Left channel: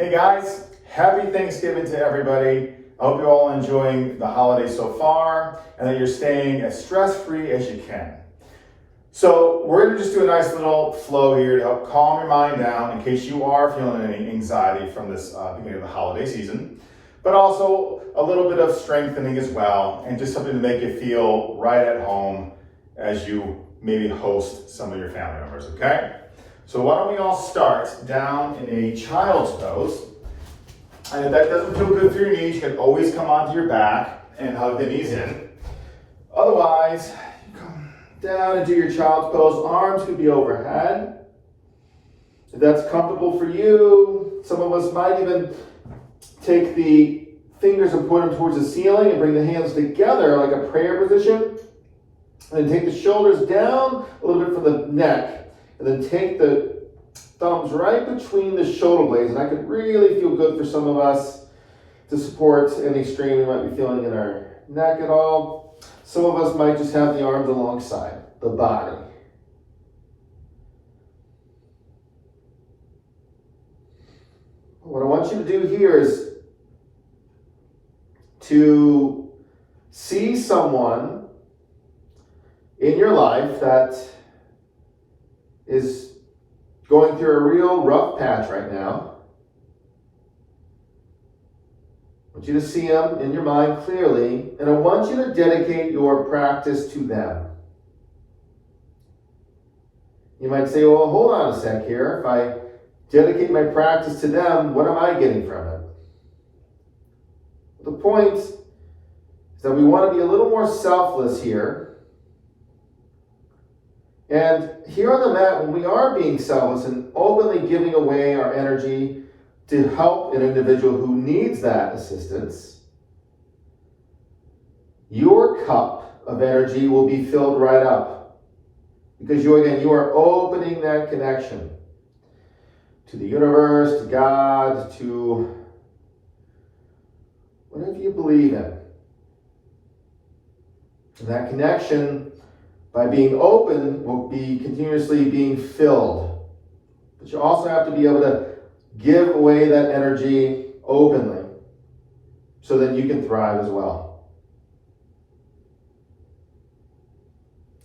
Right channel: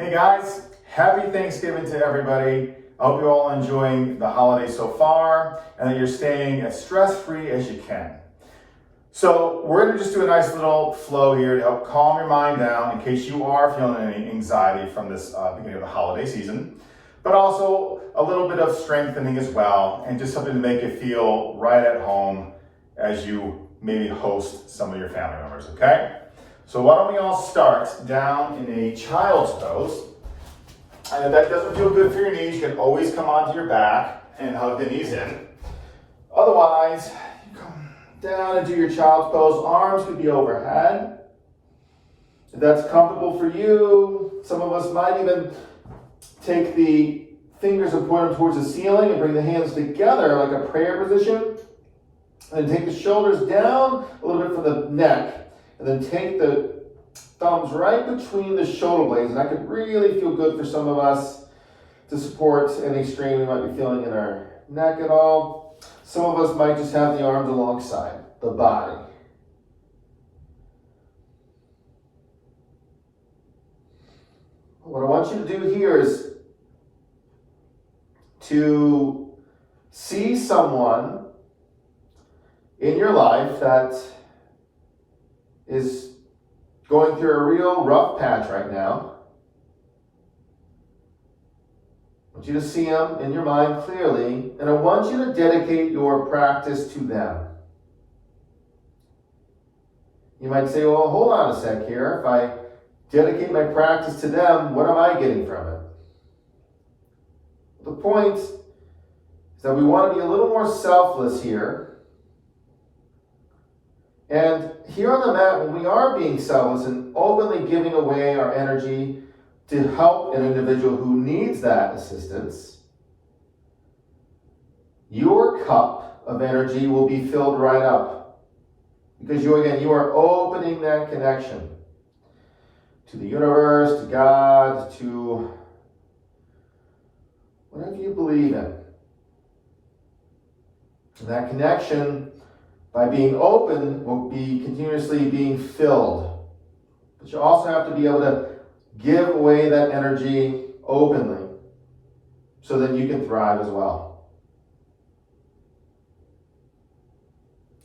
Hey guys, happy Thanksgiving to everybody. I hope you're all enjoying the holiday so far and that you're staying as stress-free as you can. So we're going to just do a nice little flow here to help calm your mind down in case you are feeling any anxiety from this beginning of the holiday season, but also a little bit of strengthening as well and just something to make you feel right at home as you maybe host some of your family members, okay? So why don't we all start down in a child's pose. And if that doesn't feel good for your knees, you can always come onto your back and hug the knees in. Otherwise, you come down and do your child's pose. Arms could be overhead. If that's comfortable for you, some of us might even take the fingers and point them towards the ceiling and bring the hands together like a prayer position. And then take the shoulders down a little bit from the neck. And then take the thumbs right between the shoulder blades. And that could really feel good for some of us to support any strain we might be feeling in our neck at all. Some of us might just have the arms alongside the body. What I want you to do here is to see someone in your life that is going through a real rough patch right now. I want you to see them in your mind clearly, and I want you to dedicate your practice to them. You might say, well, hold on a sec here. If I dedicate my practice to them, what am I getting from it? The point is that we want to be a little more selfless here. And here on the mat, when we are being selfless and openly giving away our energy to help an individual who needs that assistance, your cup of energy will be filled right up. Because you are opening that connection to the universe, to God, to whatever you believe in. And that connection, by being open, will be continuously being filled. But you also have to be able to give away that energy openly so that you can thrive as well.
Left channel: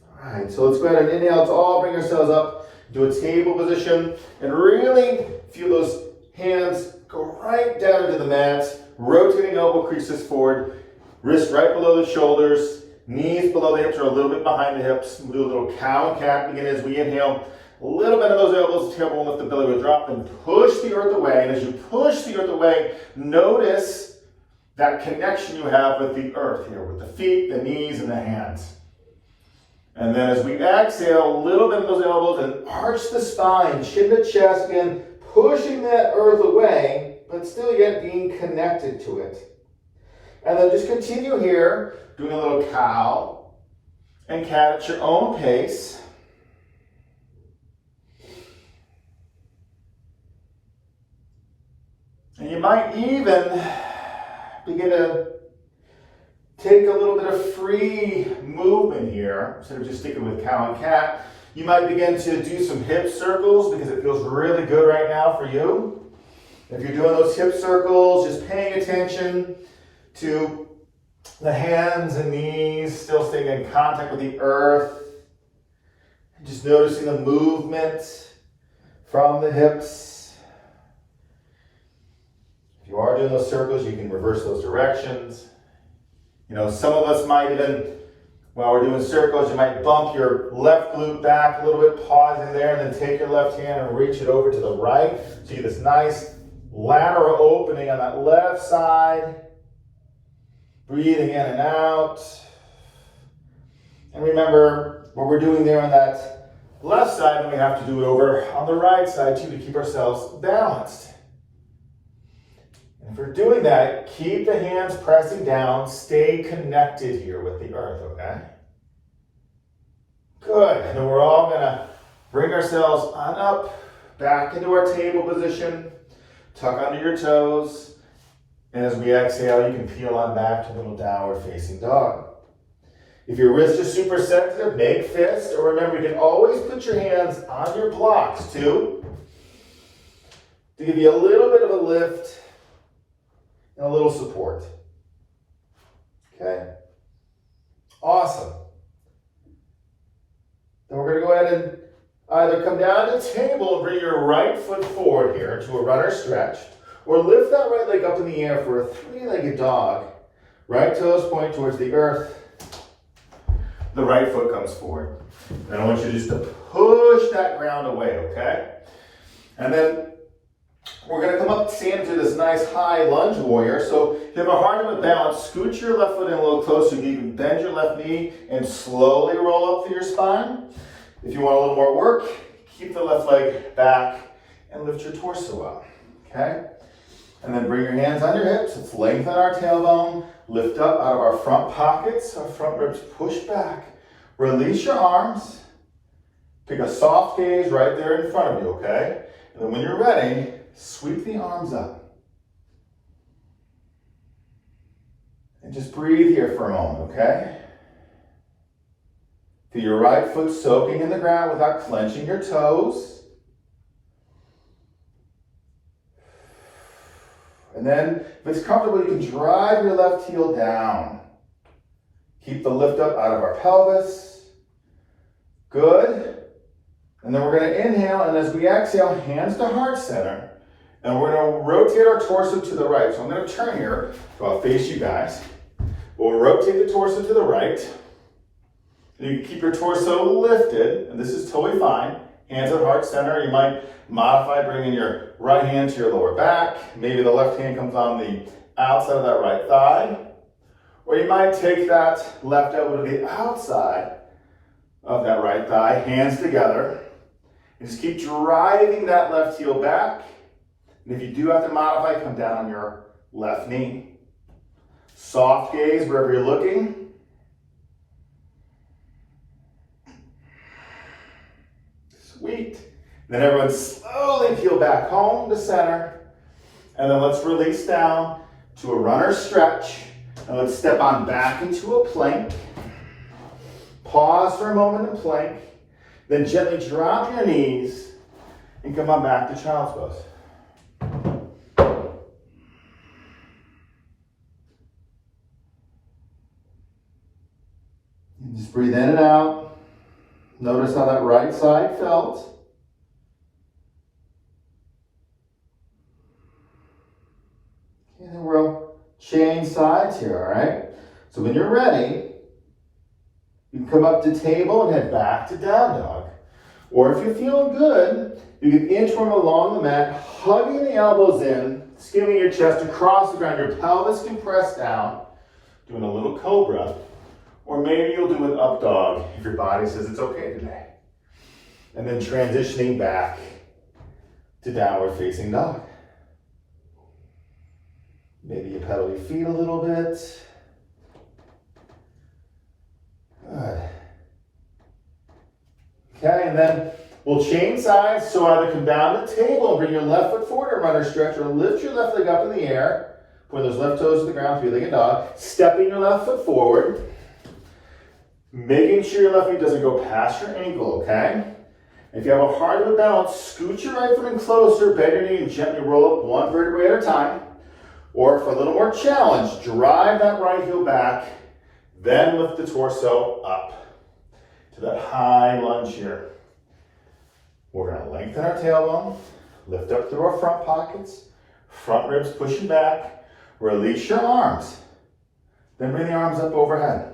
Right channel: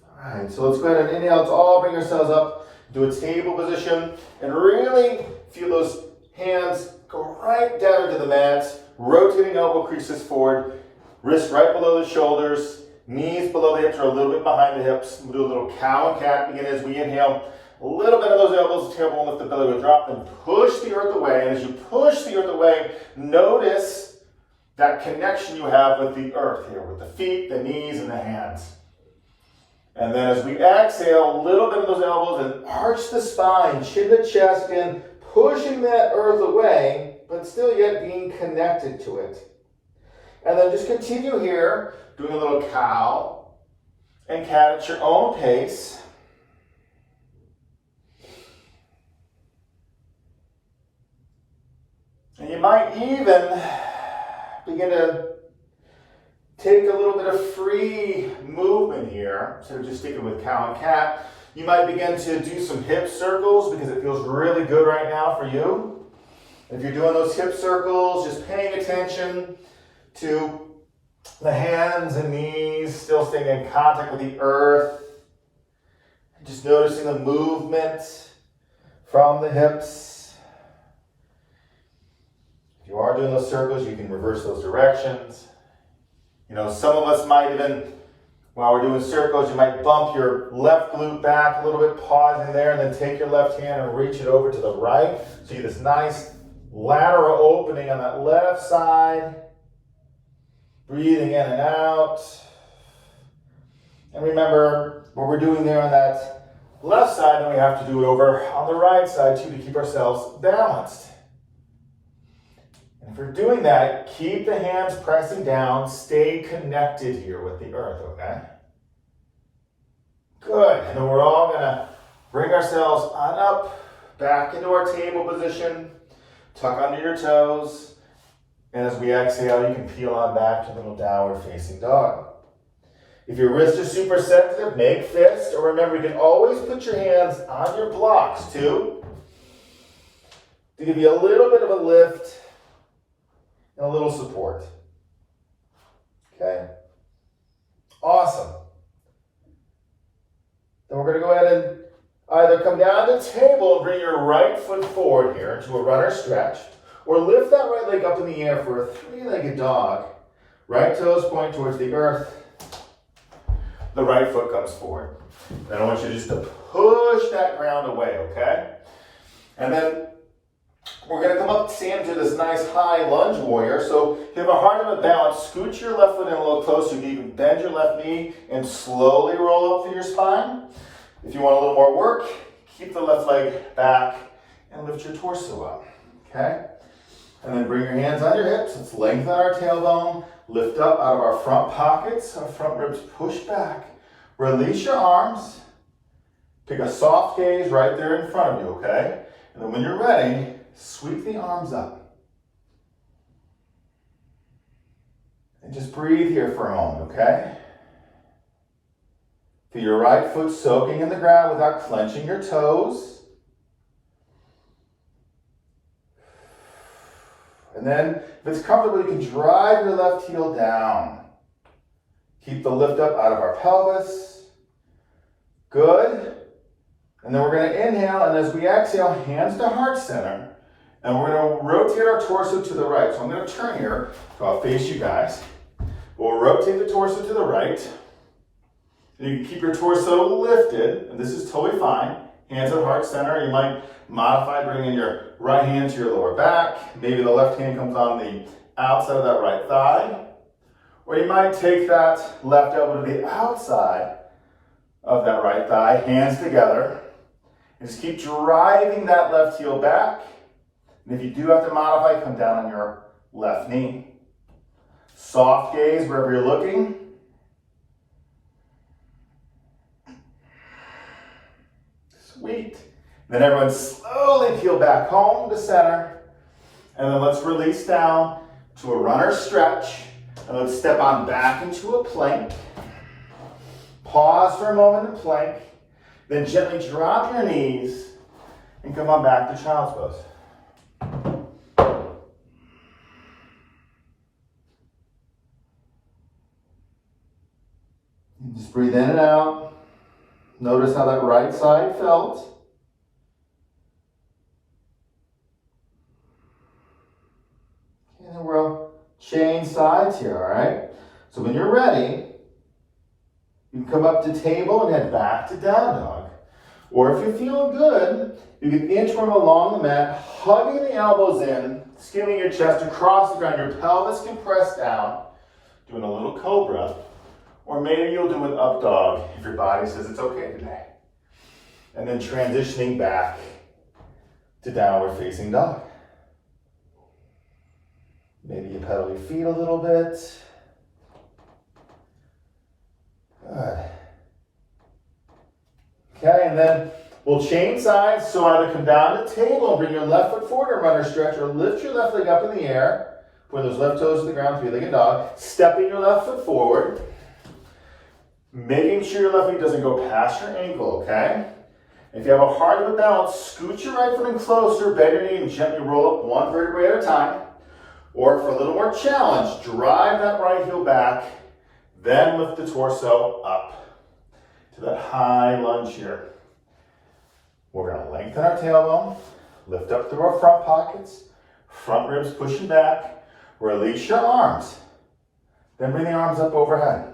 All right, so let's go ahead and inhale. Let's all bring ourselves up to a table position and really feel those hands go right down into the mat, rotating elbow creases forward, wrists right below the shoulders, knees below the hips or a little bit behind the hips. We'll do a little cow and cat. Begin as we inhale. A little bit of those elbows, tailbone, lift the belly, will drop, then push the earth away. And as you push the earth away, notice that connection you have with the earth here, with the feet, the knees, and the hands. And then as we exhale, a little bit of those elbows and arch the spine, chin to chest again, pushing that earth away, but still yet being connected to it. And then just continue here, doing a little cow and cat at your own pace. And you might even begin to take a little bit of free movement here. Instead of just sticking with cow and cat, you might begin to do some hip circles because it feels really good right now for you. If you're doing those hip circles, just paying attention to the hands and knees, still staying in contact with the earth. Just noticing the movement from the hips. If you are doing those circles, you can reverse those directions. You know, some of us might even, while we're doing circles, you might bump your left glute back a little bit, pause in there, and then take your left hand and reach it over to the right. So you get this nice lateral opening on that left side. Breathing in and out. And remember, what we're doing there on that left side, then we have to do it over on the right side too to keep ourselves balanced. And if we're doing that, keep the hands pressing down, stay connected here with the earth, okay? Good. And then we're all gonna bring ourselves on up, back into our table position, tuck under your toes. And as we exhale, you can peel on back to a little downward facing dog. If your wrists are super sensitive, make fists. Or remember, you can always put your hands on your blocks too. to give you a little bit of a lift and a little support. Okay? Awesome. Then we're going to go ahead and either come down to the table and bring your right foot forward here into a runner stretch, or lift that right leg up in the air for a three-legged dog. Right toes point towards the earth. The right foot comes forward. And I want you just to push that ground away, okay? And then we're going to come up and do this nice high lunge warrior. So if you have a hard time with balance, scoot your left foot in a little closer. You can even bend your left knee and slowly roll up through your spine. If you want a little more work, keep the left leg back and lift your torso up, okay? And then bring your hands on your hips. Let's lengthen our tailbone. Lift up out of our front pockets. Our front ribs push back. Release your arms. Pick a soft gaze right there in front of you, okay? And then when you're ready, sweep the arms up. And just breathe here for a moment, okay? Feel your right foot soaking in the ground without clenching your toes. And then, if it's comfortable, you can drive your left heel down. Keep the lift up out of our pelvis. Good. And then we're going to inhale, and as we exhale, hands to heart center. And we're going to rotate our torso to the right. So I'm going to turn here, so I'll face you guys. We'll rotate the torso to the right. And you can keep your torso lifted, and this is totally fine. Hands at heart center. You might modify, bringing your right hand to your lower back. Maybe the left hand comes on the outside of that right thigh. Or you might take that left elbow to the outside of that right thigh, hands together. And just keep driving that left heel back. And if you do have to modify, come down on your left knee. Soft gaze wherever you're looking. Sweet. Then everyone slowly peel back home to center. And then let's release down to a runner stretch. And let's step on back into a plank. Pause for a moment in plank. Then gently drop your knees and come on back to child's pose. And just breathe in and out. Notice how that right side felt. And then we'll change sides here, all right? So when you're ready, you can come up to table and head back to down dog. Or if you're feeling good, you can inchworm along the mat, hugging the elbows in, skimming your chest across the ground. Your pelvis can press down, doing a little cobra. Or maybe you'll do an up dog if your body says it's okay today. And then transitioning back to downward facing dog. Maybe you pedal your feet a little bit. Good. Okay, and then we'll change sides. So either come down to the table and bring your left foot forward in runner stretch, or lift your left leg up in the air. Point those left toes to the ground, three-legged dog. Stepping your left foot forward. Making sure your left knee doesn't go past your ankle, okay? If you have a hard time balance, scoot your right foot in closer, bend your knee, and gently roll up one vertebrae at a time. Or for a little more challenge, drive that right heel back, then lift the torso up to that high lunge here. We're going to lengthen our tailbone, lift up through our front pockets, front ribs pushing back, release your arms. Then bring the arms up overhead.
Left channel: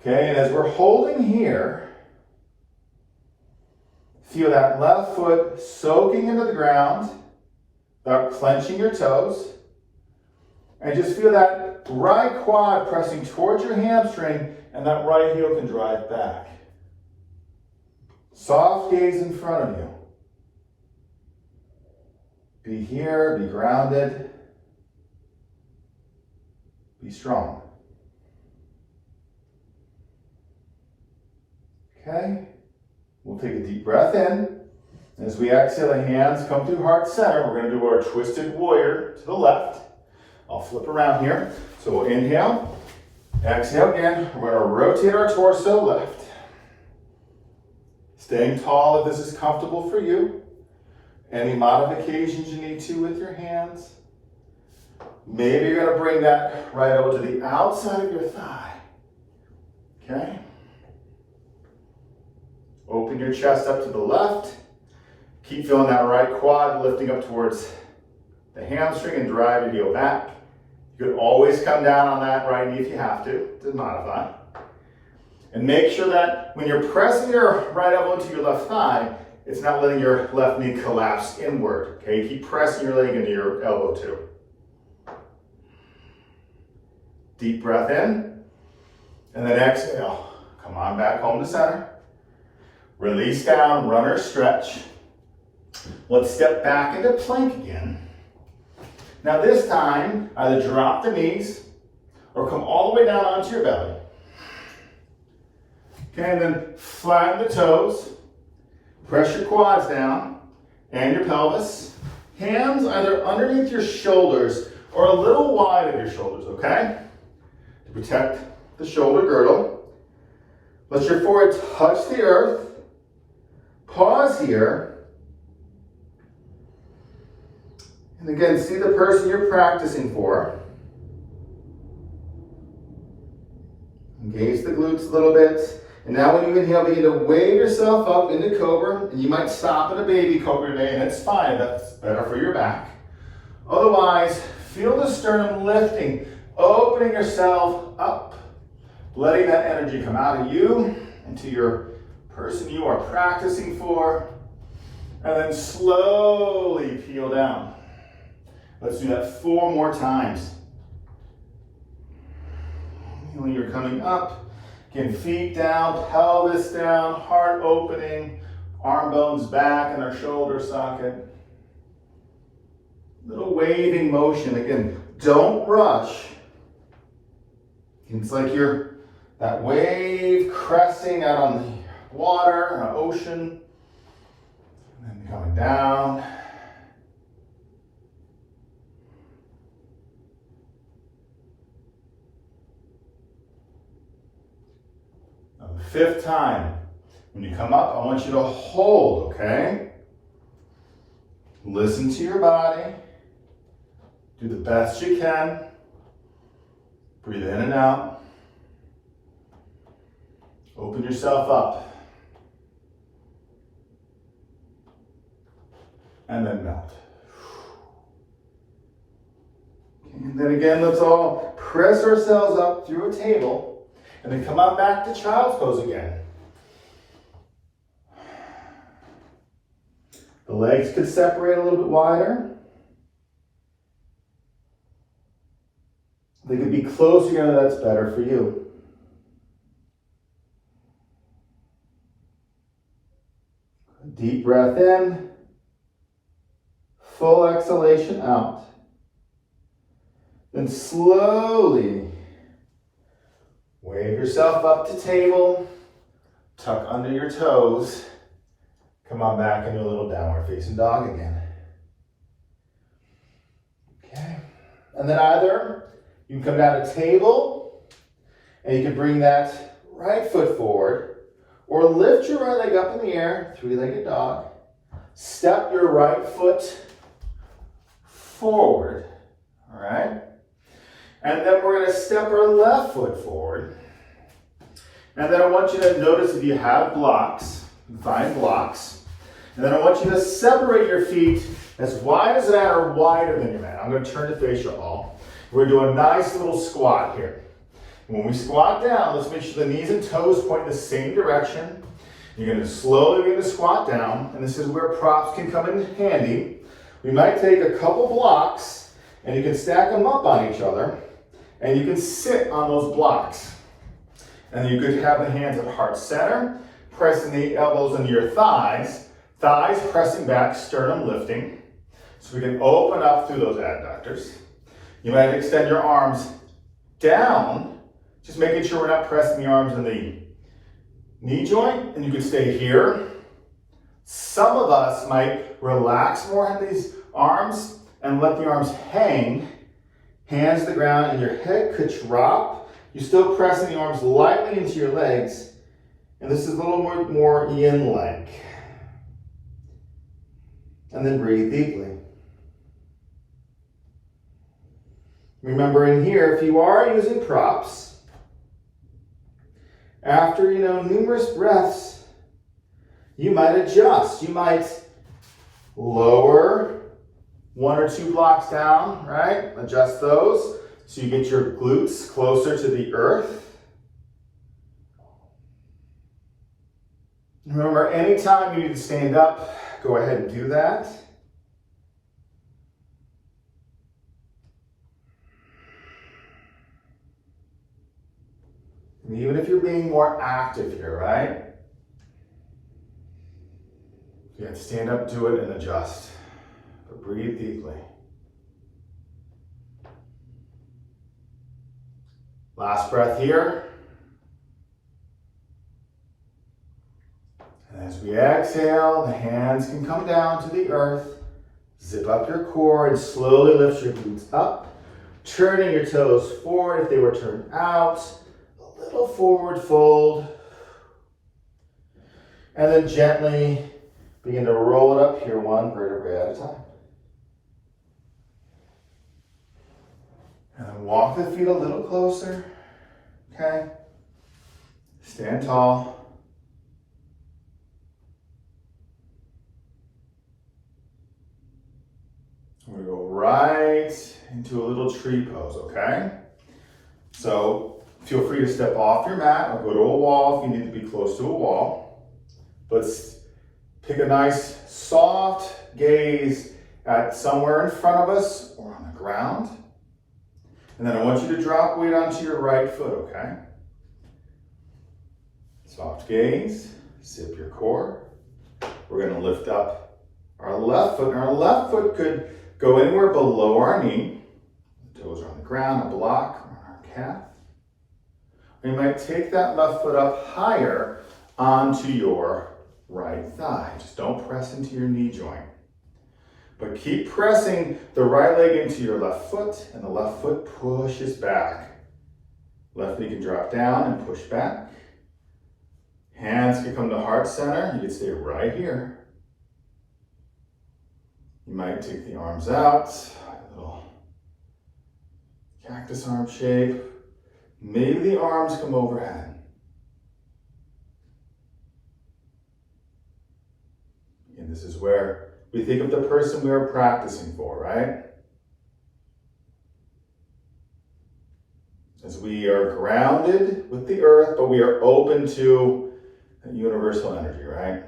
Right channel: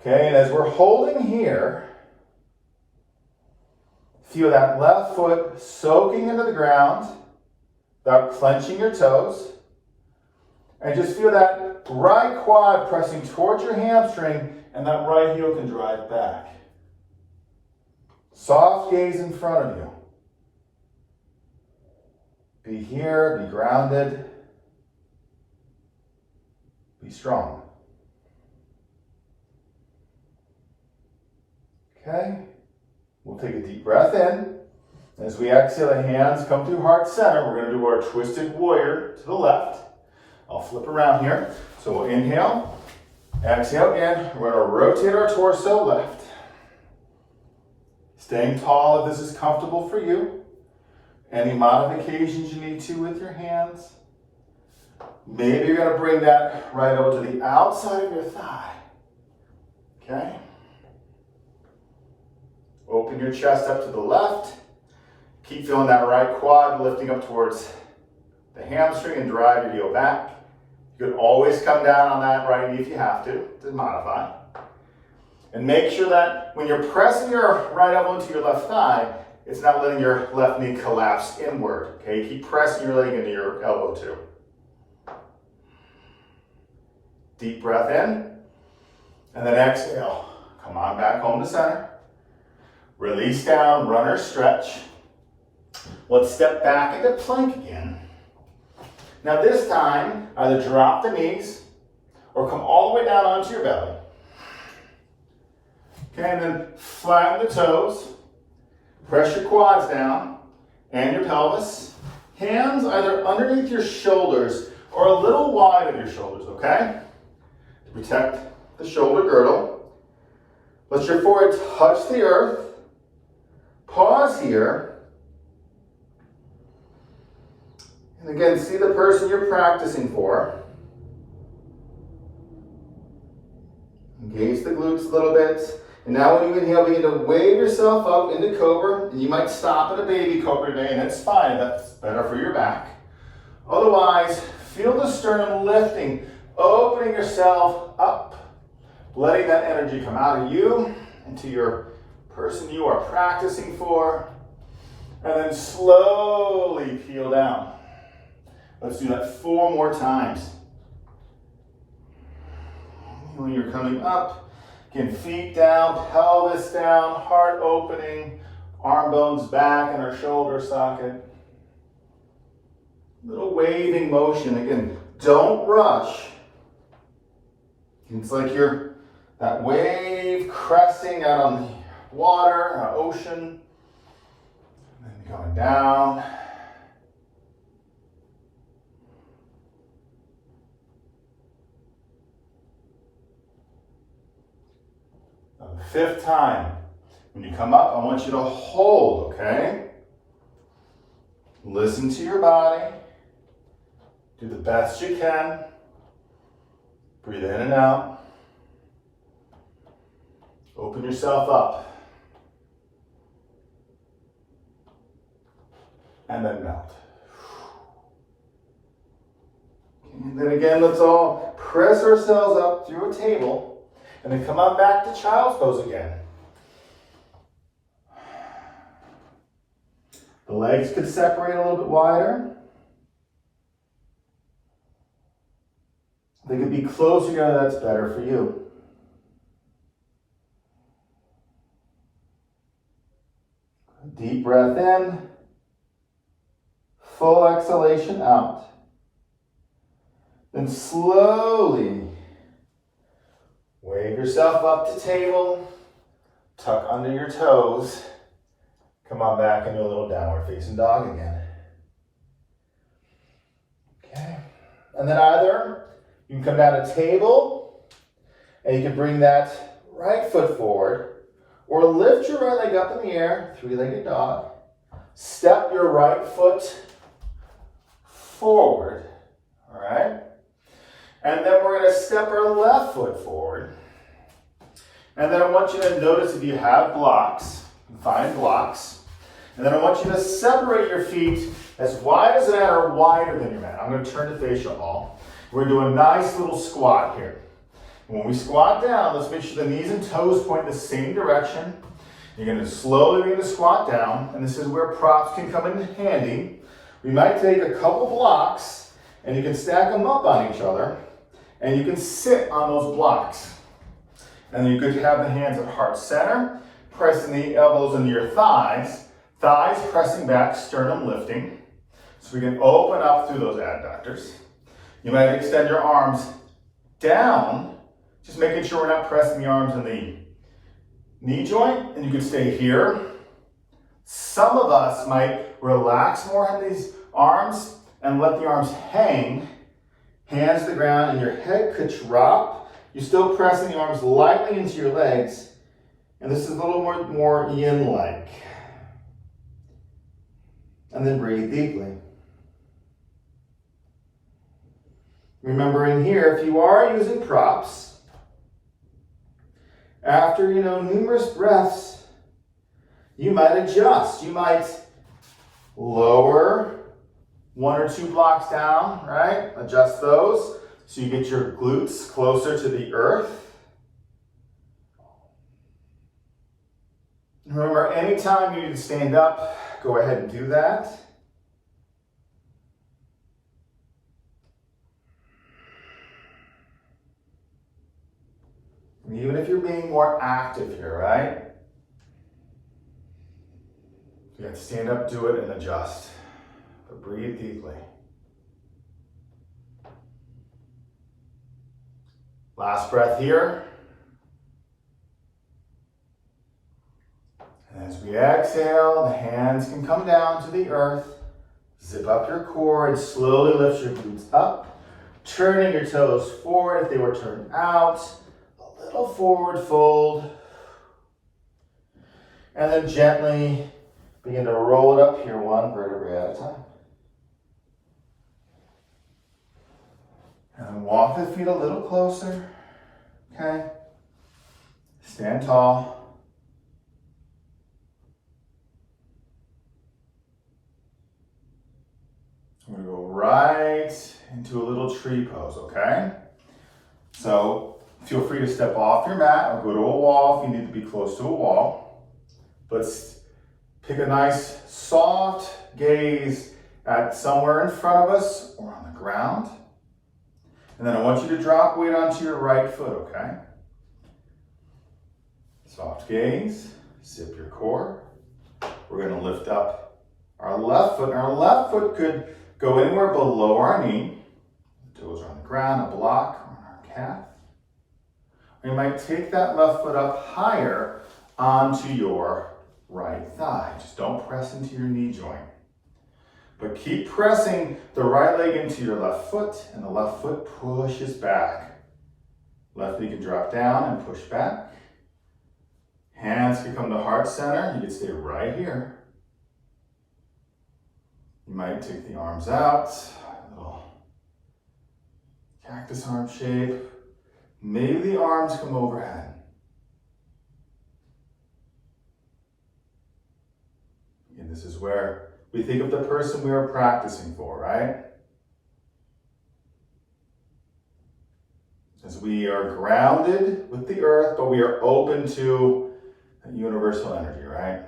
Okay, and as we're holding here, feel that left foot soaking into the ground without clenching your toes. And just feel that right quad pressing towards your hamstring, and that right heel can drive back. Soft gaze in front of you. Be here, be grounded, be strong. Okay, we'll take a deep breath in. As we exhale, the hands come to heart center. We're going to do our twisted warrior to the left. I'll flip around here. So we'll inhale, exhale again. We're going to rotate our torso left. Staying tall if this is comfortable for you. Any modifications you need to with your hands. Maybe you're going to bring that right elbow to the outside of your thigh. Okay? Open your chest up to the left. Keep feeling that right quad lifting up towards the hamstring and drive your heel back. You could always come down on that right knee if you have to modify. And make sure that when you're pressing your right elbow into your left thigh, it's not letting your left knee collapse inward. Okay, keep pressing your leg into your elbow too. Deep breath in, and then exhale. Come on back home to center. Release down, runner stretch. Let's step back into plank again. Now this time, either drop the knees or come all the way down onto your belly. Okay, and then flatten the toes. Press your quads down and your pelvis. Hands either underneath your shoulders or a little wide of your shoulders, okay? To protect the shoulder girdle. Let your forehead touch the earth. Pause here. And again, see the person you're practicing for. Engage the glutes a little bit. And now when you inhale, begin to wave yourself up into cobra. And you might stop in a baby cobra today, and it's fine. That's better for your back. Otherwise, feel the sternum lifting, opening yourself up, letting that energy come out of you into your person you are practicing for, and then slowly peel down. Let's do that 4 more times. When you're coming up, again, feet down, pelvis down, heart opening, arm bones back in our shoulder socket. Little waving motion. Again, don't rush. It's like you're that wave cresting out on the water, ocean, and then coming down. Now, the 5th time, when you come up, I want you to hold, okay? Listen to your body. Do the best you can. Breathe in and out. Open yourself up. And then melt. And then again, let's all press ourselves up through a table and then come up back to child's pose again. The legs could separate a little bit wider. They could be closer together, that's better for you. Deep breath in. Full exhalation out. Then slowly wave yourself up to table. Tuck under your toes. Come on back into a little downward facing dog again. Okay. And then either you can come down to table and you can bring that right foot forward or lift your right leg up in the air, 3-legged dog. Step your right foot forward, all right? And then we're gonna step our left foot forward. And then I want you to notice if you have blocks, find blocks. And then I want you to separate your feet as wide as that or wider than your mat. I'm gonna turn to facial all. We're gonna do a nice little squat here. When we squat down, let's make sure the knees and toes point the same direction. You're gonna slowly begin to squat down, and this is where props can come in handy. We might take a couple blocks, and you can stack them up on each other, and you can sit on those blocks. And then you could have the hands at heart center, pressing the elbows into your thighs, thighs pressing back, sternum lifting. So we can open up through those adductors. You might extend your arms down, just making sure we're not pressing the arms in the knee joint, and you can stay here. Some of us might relax more in these arms and let the arms hang, hands to the ground, and your head could drop. You're still pressing the arms lightly into your legs, and this is a little more yin-like. And then breathe deeply. Remembering here, if you are using props, after, numerous breaths, you might adjust. You might lower 1 or 2 blocks down, right? Adjust those so you get your glutes closer to the earth. Remember, anytime you need to stand up, go ahead and do that. And even if you're being more active here, right? You have to stand up, do it, and adjust. But breathe deeply. Last breath here. And as we exhale, the hands can come down to the earth. Zip up your core and slowly lift your glutes up. Turning your toes forward if they were turned out. A little forward fold. And then gently begin to roll it up here 1 vertebrae at a time. And then walk the feet a little closer. Okay? Stand tall. We're going to go right into a little tree pose, okay? So feel free to step off your mat or go to a wall if you need to be close to a wall. Let's pick a nice soft gaze at somewhere in front of us or on the ground. And then I want you to drop weight onto your right foot, okay? Soft gaze, zip your core. We're going to lift up our left foot. And our left foot could go anywhere below our knee. Toes are on the ground, a block on our calf. We might take that left foot up higher onto your right thigh. Just don't press into your knee joint. But keep pressing the right leg into your left foot, and the left foot pushes back. Left knee can drop down and push back. Hands can come to heart center. You can stay right here. You might take the arms out, a little cactus arm shape. Maybe the arms come overhead. And this is where we think of the person we are practicing for, right? As we are grounded with the earth, but we are open to that universal energy, right? And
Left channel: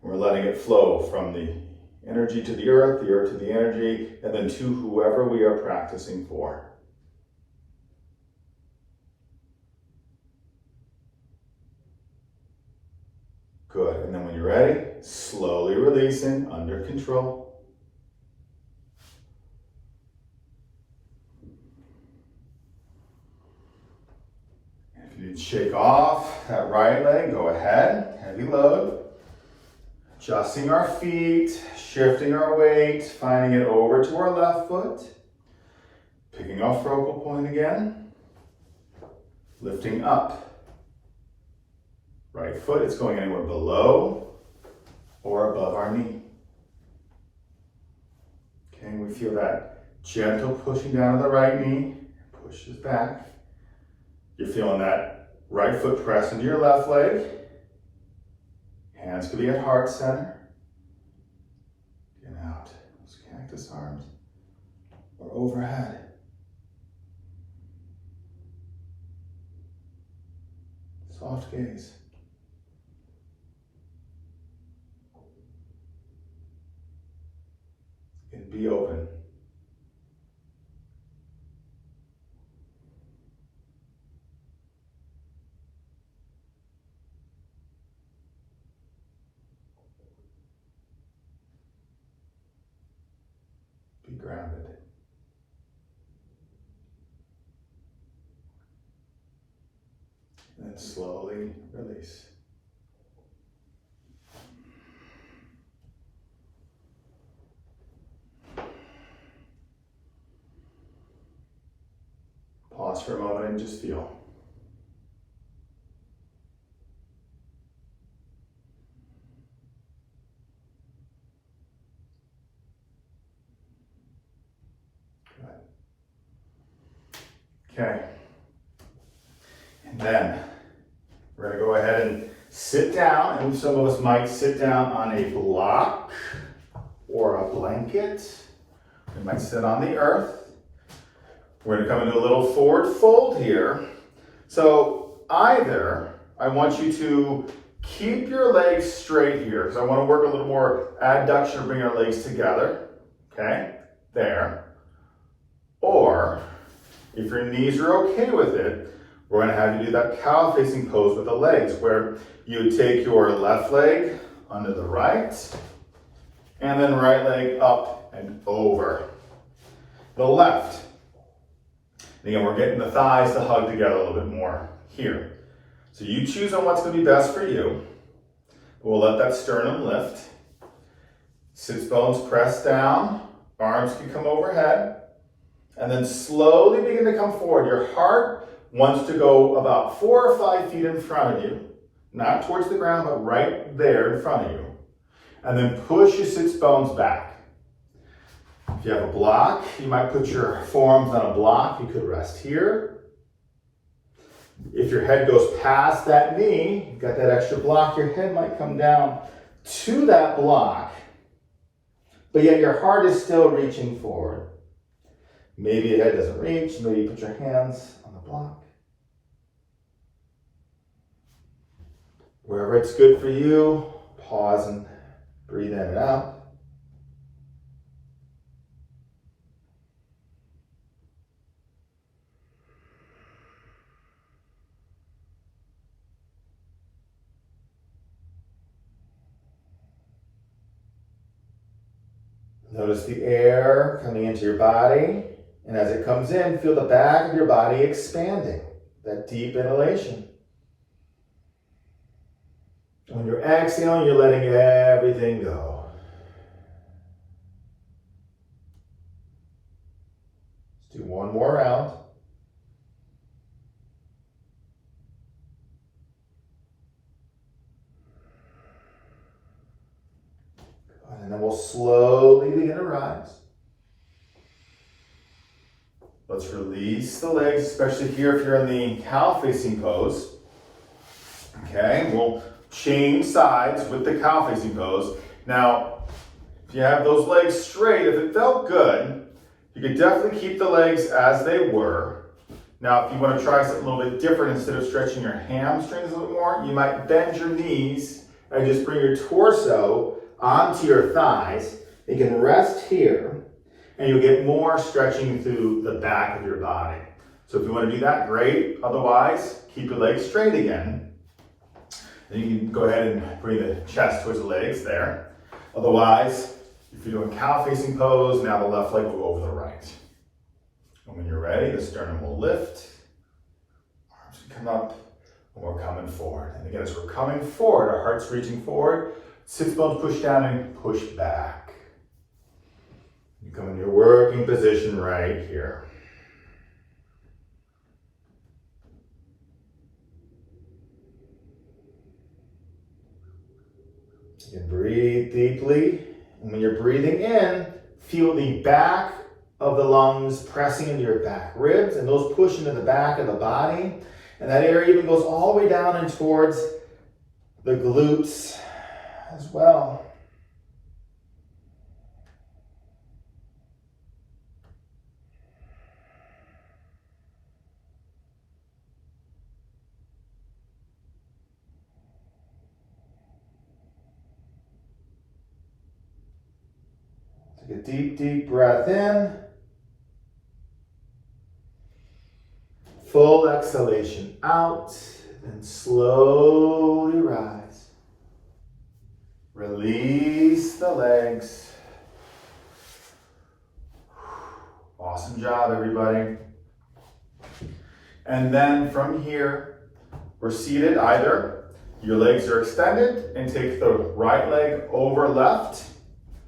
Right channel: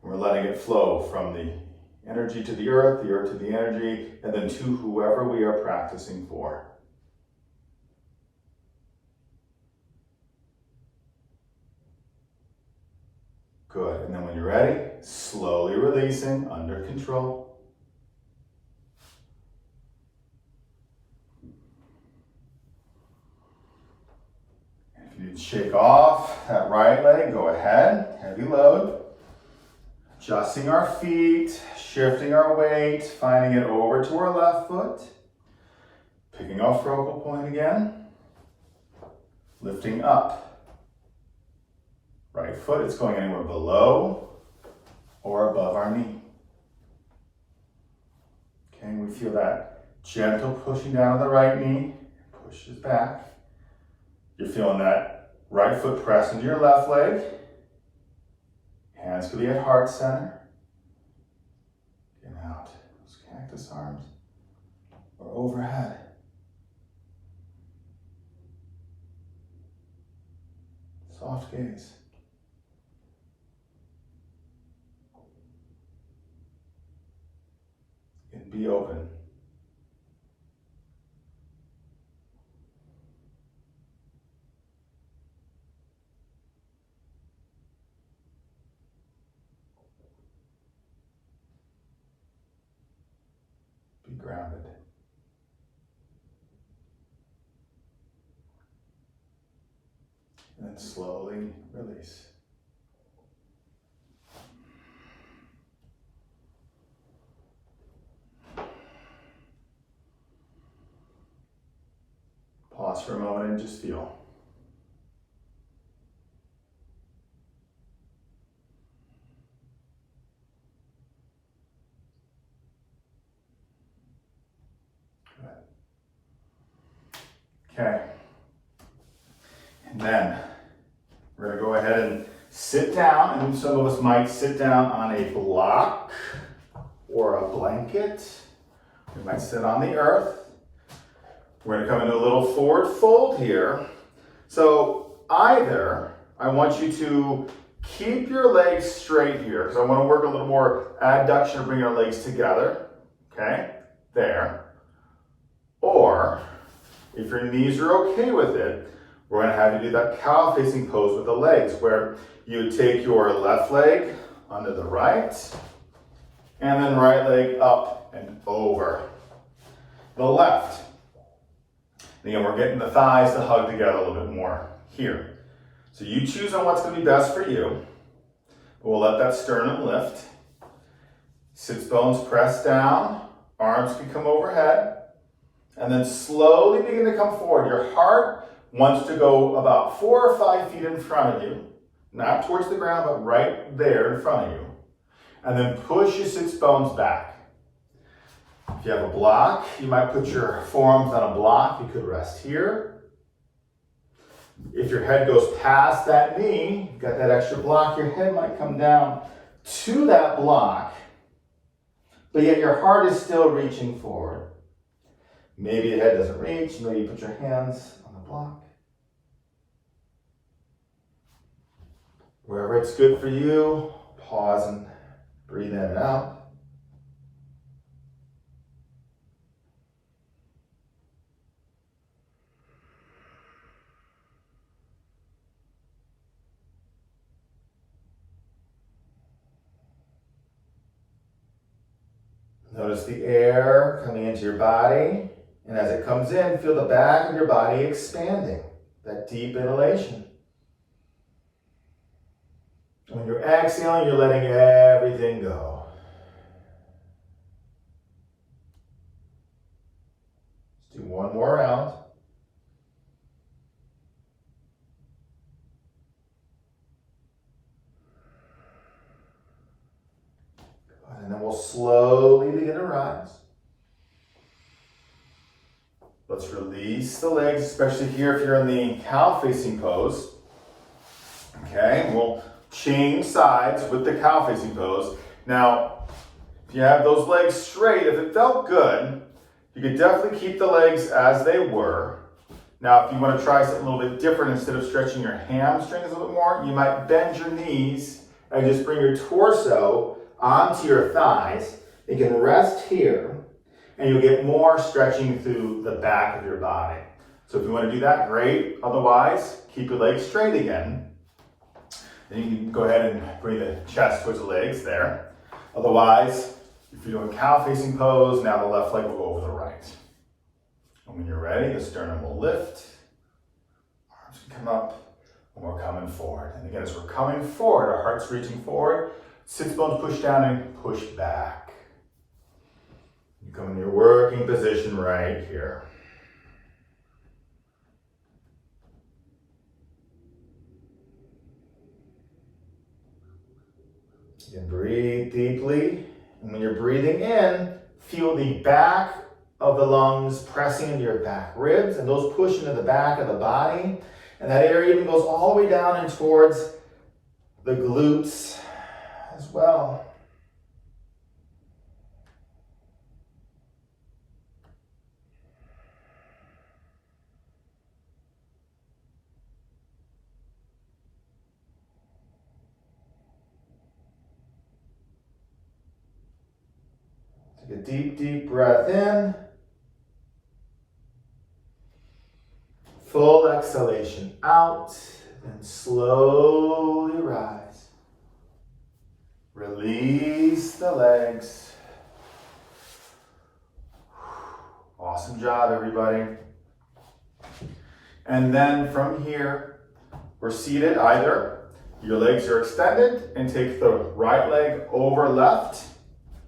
we're letting it flow from the energy to the earth to the energy, and then to whoever we are practicing for. Good, and then when you're ready, slowly releasing, under control. If you need to shake off that right leg, go ahead, heavy load. Adjusting our feet, shifting our weight, finding it over to our left foot. Picking our focal point again. Lifting up. Right foot, it's going anywhere below or above our knee. Okay, we feel that gentle pushing down of the right knee. Pushes back. You're feeling that right foot press into your left leg. Hands could be at heart center. Get out. Those cactus arms. Or overhead. Soft gaze. And be open. Be grounded. And then slowly release. Pause for a moment and just feel. Okay. And then we're going to go ahead and sit down, and some of us might sit down on a block or a blanket. We might sit on the earth. We're going to come into a little forward fold here. So either I want you to keep your legs straight here, because I want to work a little more adduction or bring your legs together. Okay, there. Or if your knees are okay with it, we're going to have you do that cow facing pose with the legs, where you would take your left leg under the right, and then right leg up and over the left. And again, we're getting the thighs to hug together a little bit more here. So you choose on what's going to be best for you. We'll let that sternum lift. Sits bones press down, arms can come overhead, and then slowly begin to come forward. Your heart wants to go about 4 or 5 feet in front of you, not towards the ground, but right there in front of you. And then push your sits bones back. If you have a block, you might put your forearms on a block. You could rest here. If your head goes past that knee, you've got that extra block, your head might come down to that block, but yet your heart is still reaching forward. Maybe your head doesn't reach, maybe you put your hands on the block. Wherever it's good for you, pause and breathe in and out. Notice the air coming into your body, and as it comes in, feel the back of your body expanding, that deep inhalation. When you're exhaling, you're letting everything go. Let's do one more round. And then we'll slowly begin to rise. Let's release the legs, especially here if you're in the cow facing pose. Okay, we'll change sides with the cow facing pose. Now, if you have those legs straight, if it felt good, you could definitely keep the legs as they were. Now, if you want to try something a little bit different, instead of stretching your hamstrings a little bit more, you might bend your knees and just bring your torso onto your thighs. You can rest here, and you'll get more stretching through the back of your body. So if you want to do that, great. Otherwise, keep your legs straight again. And you can go ahead and bring the chest towards the legs there. Otherwise, if you're doing cow facing pose, now the left leg will go over the right. And when you're ready, the sternum will lift. Arms can come up, and we're coming forward. And again, as we're coming forward, our heart's reaching forward. Sits bones push down and push back. You come in your working position right here. You can breathe deeply, and when you're breathing in, feel the back of the lungs pressing into your back ribs, and those push into the back of the body. And that area even goes all the way down and towards the glutes as well. Take a deep, deep breath in. Full exhalation out, and slowly rise. Release the legs. Awesome job, everybody. And then from here, we're seated. Either your legs are extended and take the right leg over left,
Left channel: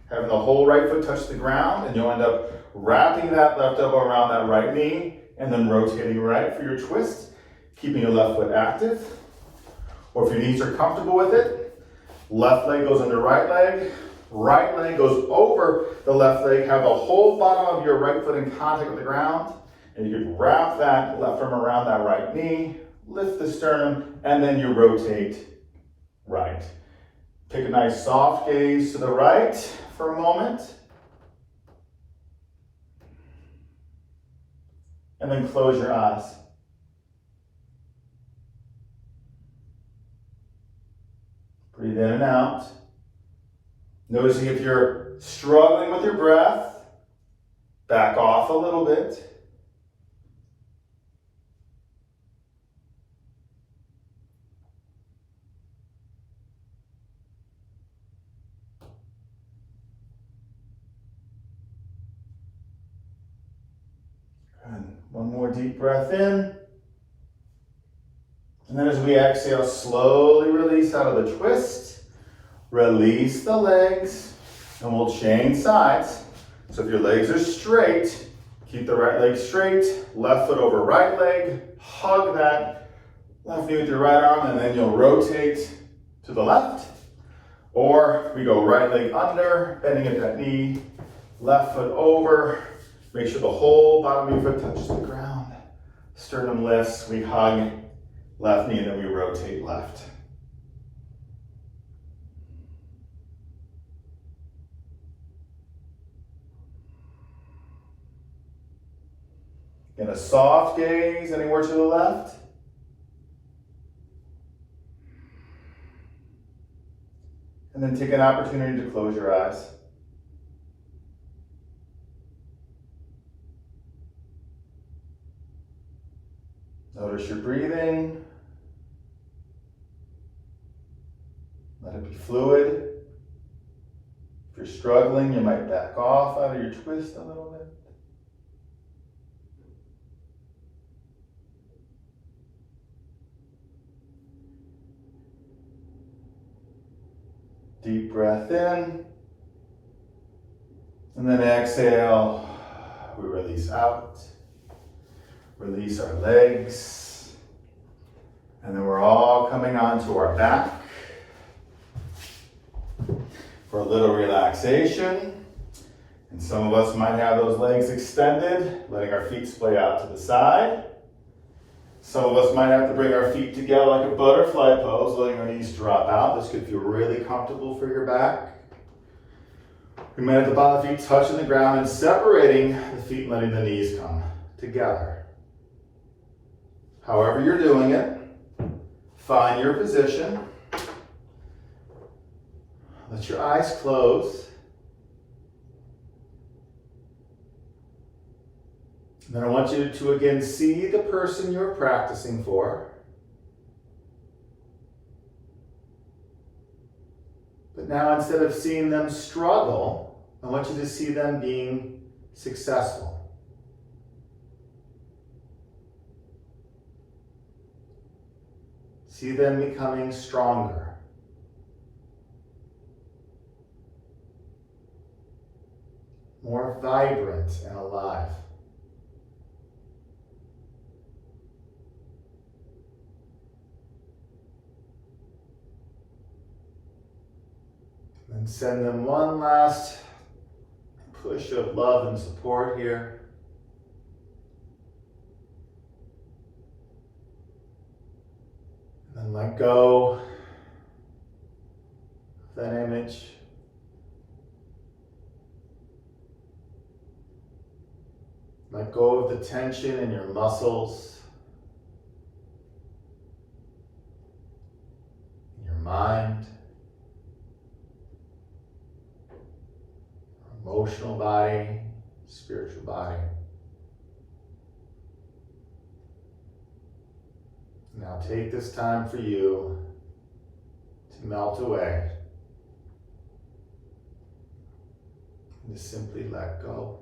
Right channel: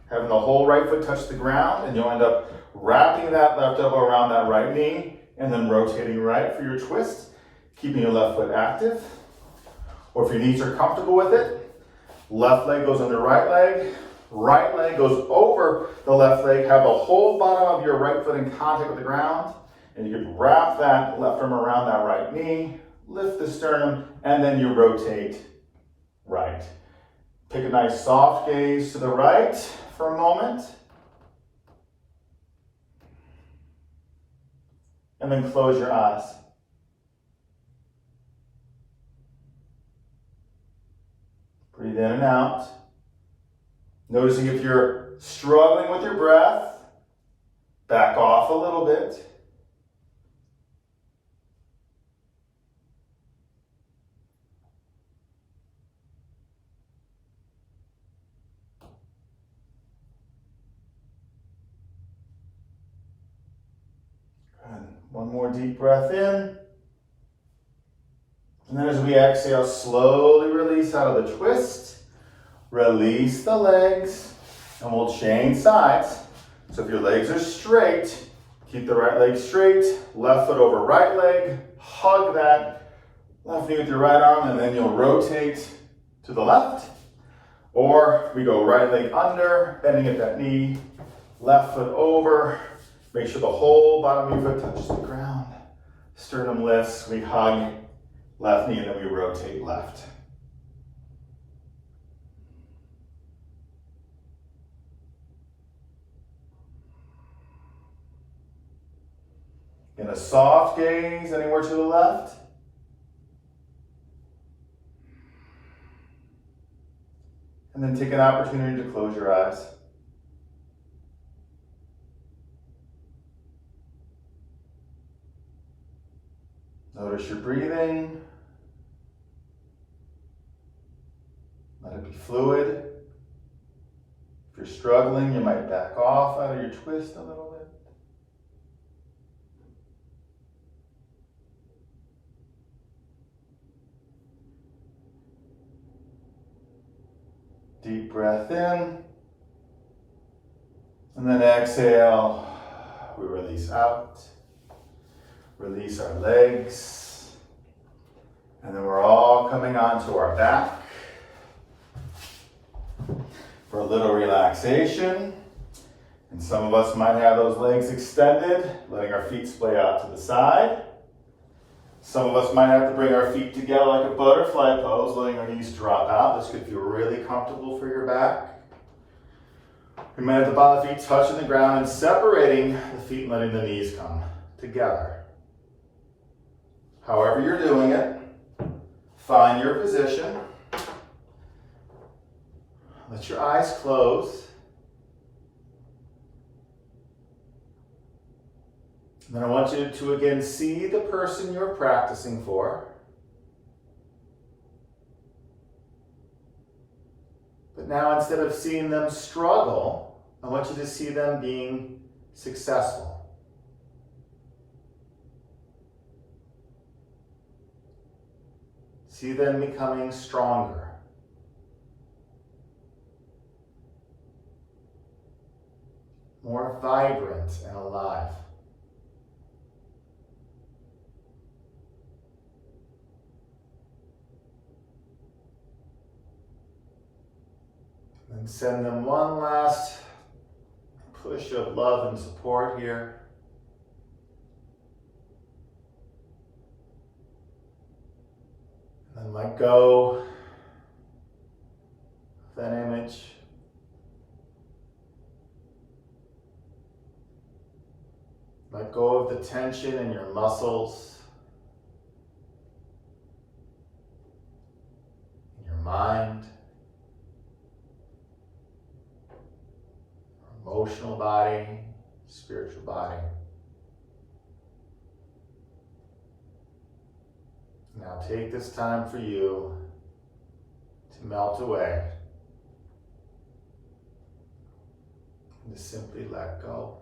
having the whole right foot touch the ground, and you'll end up wrapping that left elbow around that right knee and then rotating right for your twist, keeping your left foot active. Or if your knees are comfortable with it, left leg goes under right leg goes over the left leg, have the whole bottom of your right foot in contact with the ground, And you can wrap that left arm around that right knee, lift the sternum, and then you rotate right. Take a nice soft gaze to the right for a moment. And then close your eyes. Breathe in and out. Noticing if you're struggling with your breath, back off a little bit. And one more deep breath in. And then as we exhale, slowly release out of the twist. Release the legs, and we'll change sides. So if your legs are straight, keep the right leg straight, left foot over right leg, hug that left knee with your right arm, and then you'll rotate to the left. Or we go right leg under, bending at that knee, left foot over. Make sure the whole bottom of your foot touches the ground. Sternum lifts, we hug left knee, and then we rotate left. In a soft gaze anywhere to the left. And then take an opportunity to close your eyes. Notice your breathing. Let it be fluid. If you're struggling, you might back off out of your twist a little bit. Deep breath in, and then exhale, we release out, release our legs, and then we're all coming onto our back for a little relaxation. And some of us might have those legs extended, letting our feet splay out to the side. Some of us might have to bring our feet together like a butterfly pose, letting our knees drop out. This could feel really comfortable for your back. We might have the bottom of the feet touching the ground and separating the feet and letting the knees come together. However you're doing it, find your position. Let your eyes close. Then I want you to again see the person you're practicing for. But now instead of seeing them struggle, I want you to see them being successful. See them becoming stronger. More vibrant and alive. And send them one last push of love and support here. And then let go of that image. Let go of the tension in your muscles, in your mind. Emotional body, spiritual body. Now take this time for you to melt away and to simply let go.